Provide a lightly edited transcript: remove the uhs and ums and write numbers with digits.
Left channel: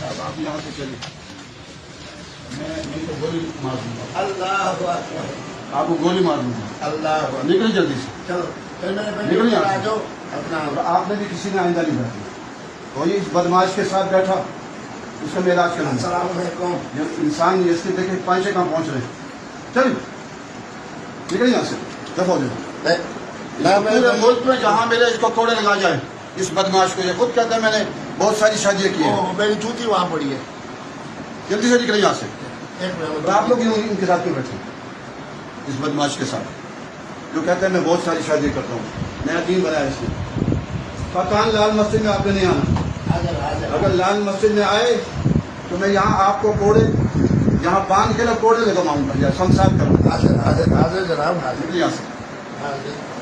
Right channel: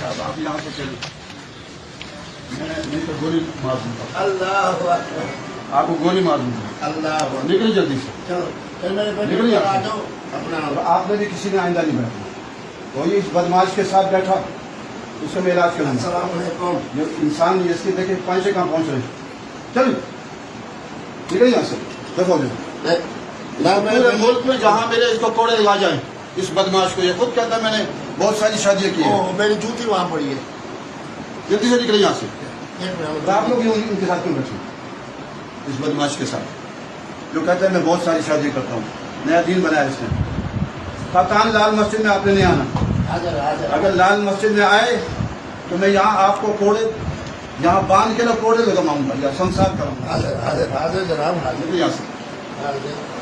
صاحب آپ یہاں سے چلیں، میں تو گولی مار دوں گا، اللہ اکبر، آپ کو گولی مار دوں گا، اللہ اکبر، نکل جلدی سے، چلو پھر میرے بیٹے نکل کو یہاں آ سے۔ جاؤ اپنا۔ اور آپ نے بھی کسی نے آئندہ نہیں بیٹھنا، کوئی اس بدماش کے ساتھ بیٹھا اس سے میں علاج کرانا۔ السلام علیکم۔ جب انسان اس کے دیکھیں پانچے کہاں پہنچ رہے ہیں، چل نکل یہاں سے، دفعہ ہو جائے۔ پورے ملک میں جہاں میرے اس کو کوڑے لگا جائیں اس بدماش کو، یہ خود کہتا ہے میں نے بہت ساری شادیاں کی ہیں، میری جوتی وہاں پڑی ہے۔ جلدی سے نکلے یہاں سے۔ ایک منٹ۔ اور آپ لوگ ان کے ساتھ کیوں بیٹھے اس بدماش کے ساتھ جو کہتا ہے میں بہت ساری شادی کرتا ہوں، نیا دین بنایا اس نے۔ کان لال مسجد میں آپ نے نہیں آنا، حاضر حاضر۔ اگر لال مسجد میں آئے تو میں یہاں آپ کو کوڑے یہاں باندھ کے نہ کوڑے لگاؤں گا یا سمسار کروں گا۔ حاضر حاضر حاضر جناب، حاضر یہاں سے حاضر۔